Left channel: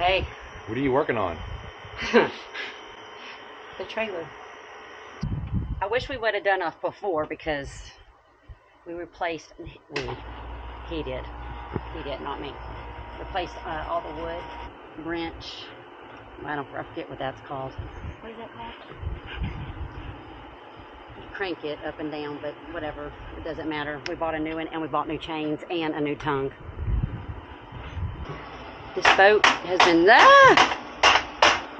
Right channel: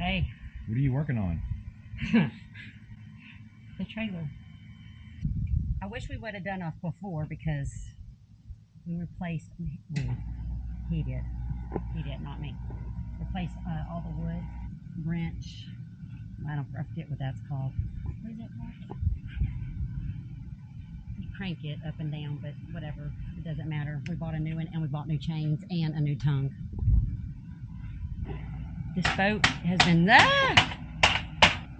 Hey. What are you working on? The trailer. I wish we would have done off before because we replaced, he did, not me. Replaced all the wood, wrench, I forget what that's called. What is that called? You crank it up and down, but whatever, it doesn't matter. We bought a new one and we bought new chains and a new tongue. This boat has been,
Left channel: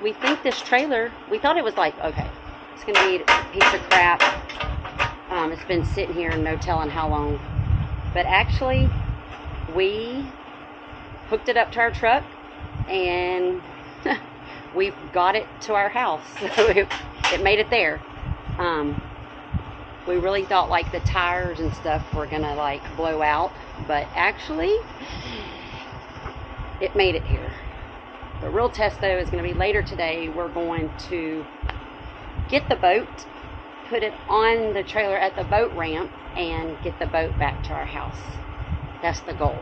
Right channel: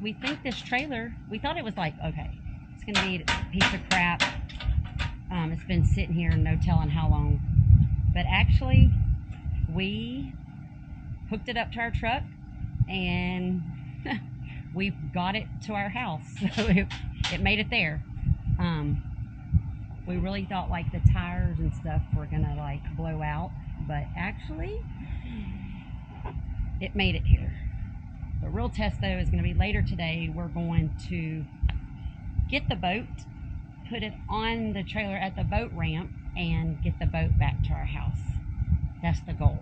we think this trailer, we thought it was like, okay, it's gonna be a piece of crap. It's been sitting here no telling how long. But actually, we hooked it up to our truck and we've got it to our house. So it made it there. We really thought like the tires and stuff were gonna like blow out, but actually it made it here. The real test though is gonna be later today. We're going to get the boat, put it on the trailer at the boat ramp, and get the boat back to our house. That's the goal.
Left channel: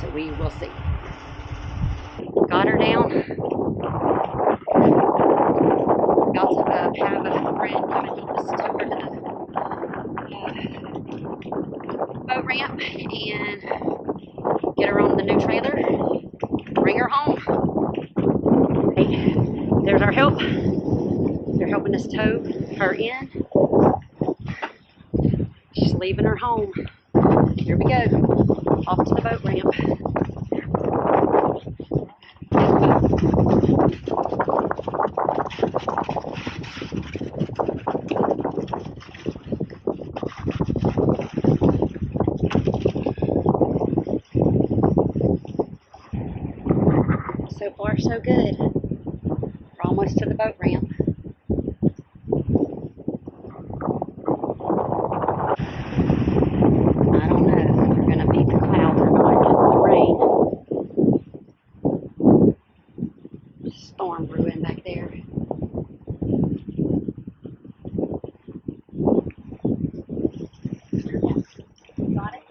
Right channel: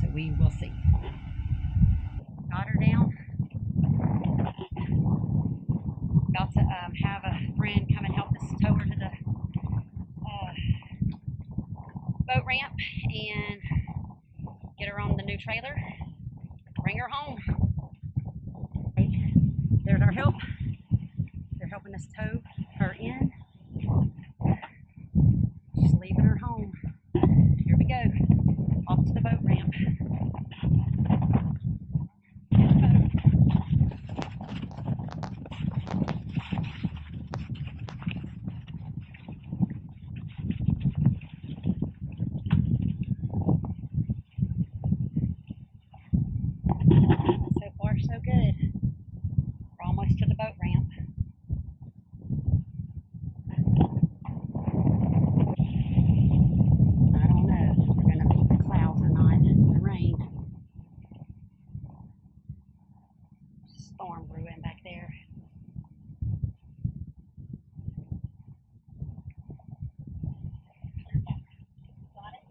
So we will see. Got her down. Got to have a friend come and help us tow her to the boat ramp and get her on the new trailer, bring her home. Hey, there's our help. They're helping us tow her in. She's leaving her home. Here we go. Off to the boat ramp. So far, so good. We're almost to the boat ramp. I don't know if we're going to beat the clouds or not, the rain. Storm brewing back there. Got it?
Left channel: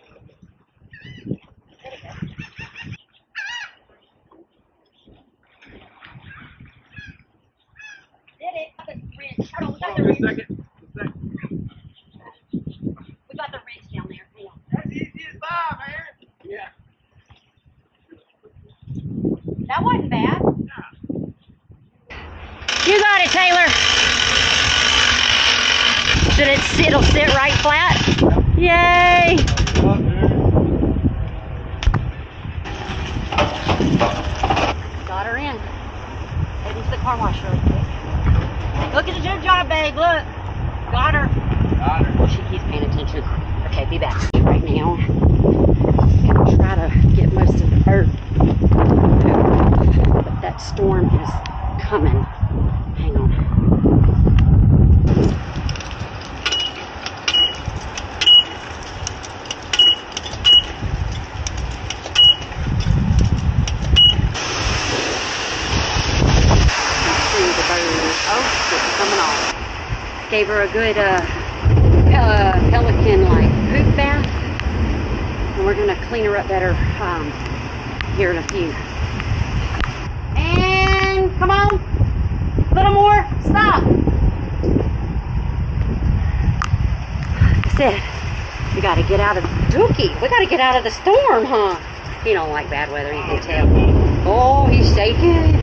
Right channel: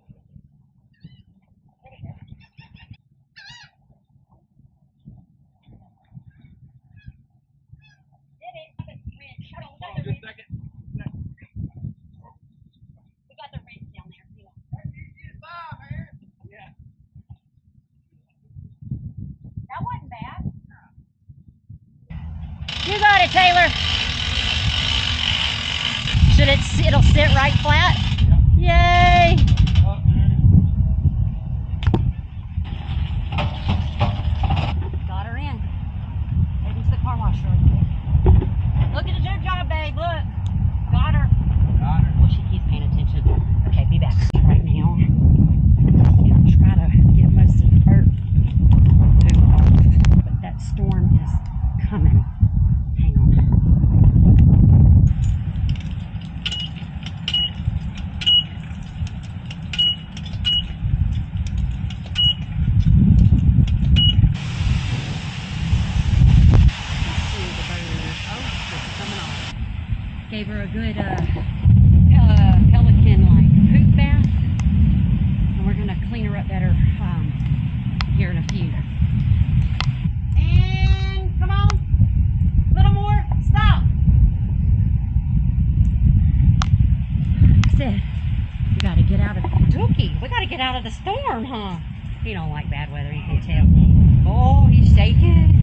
Did it? Got the wrench. Hold on, we got the wrench. We got the wrench down there. Hang on. That's easy as pie, man. Yeah. That wasn't bad. You got it, Taylor. It'll sit right flat? Yay! Got her in. Heading to the car wash really quick. Look at the job bag, look. Got her. Well, he's paying attention. Okay, be back. Right now, gonna try to get most of the earth. But that storm is coming. Hang on. Coming on. Gave her a good pelican like poop bath, and we're gonna clean her up better here in a few. And come on, a little more. Stop. Like I said, we gotta get out of Dookie. We gotta get out of the storm, huh? He don't like bad weather. You can tell.